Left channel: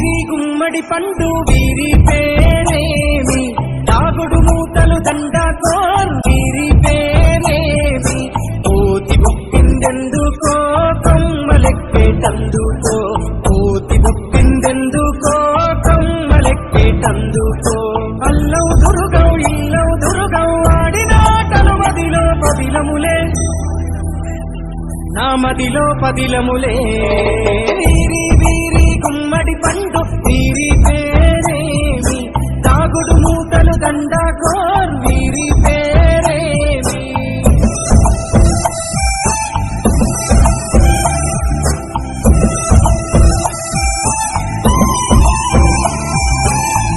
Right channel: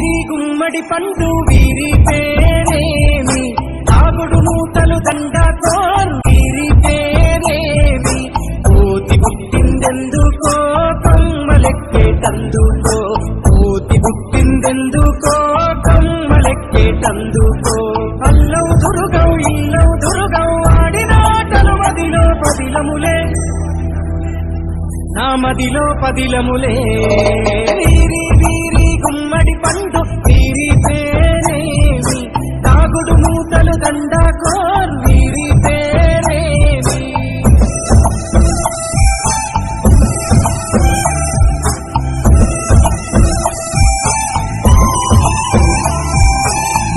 వీరి గుమ్మడి పండు వీరి పేరేమి తాగుడు మూతలు దండకోర్ వీరి పేరేమి కోతి పుట్టిందెందుకో కొమ్మలెక్కేటందుకో కోతి పుట్టిందెందుకో కొమ్మలెక్కేటందుకో అల్లవు దురుగవు ఇల్లవు దురుగవు ఆడినాటలు మదిలో పదిలములే నా మదిలో పదిలములే వీరి వీరి గుమ్మడి పండు వీరి పేరేమి తాగుడు మూతలు దండకోర్ వీరి పేరేమి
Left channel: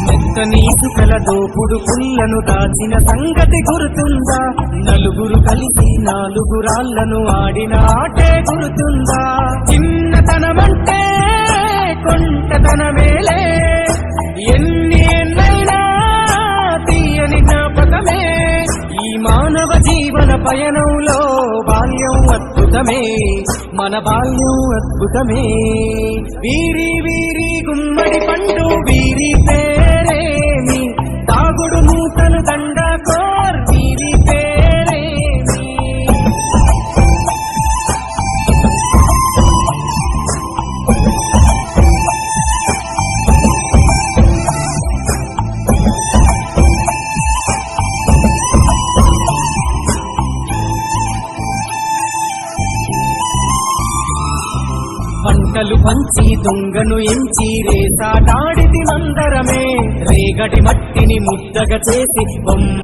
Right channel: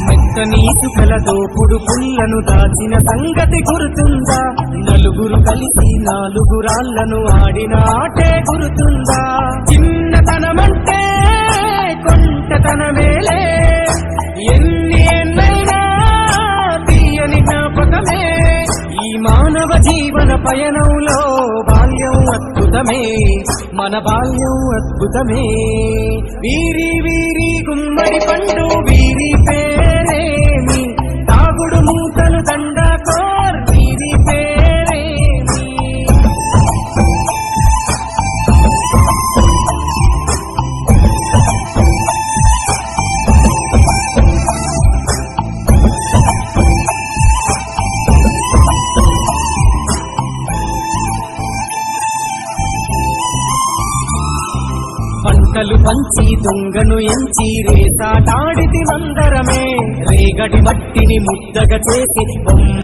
మెత్తనీసు కల దోపుడు పుల్లను దాచిన సంగతి గుర్తుందా నలుగురు కలిసి నాలుగురాళ్లను ఆడిన ఆటే గుర్తుందా చిన్నతనమంటే కొంటతనమేలే ఎన్ని ఏళ్ళైనా తీయని జ్ఞాపకమే ఈ మానవ జీవన పయనంలో బాల్యం అద్భుతమే మన బాల్యం అద్భుతమే వీరి వీరి గుమ్మడి పండు వీరి పేరేమి తాగుడు మూతలు దండకోర్ వీరి పేరేమి పంటలు పంచి దొంగను ఎంచి రేసాటాడితి మందరమే రేగడి మట్టిని ముద్దగా చేసి బొమ్మ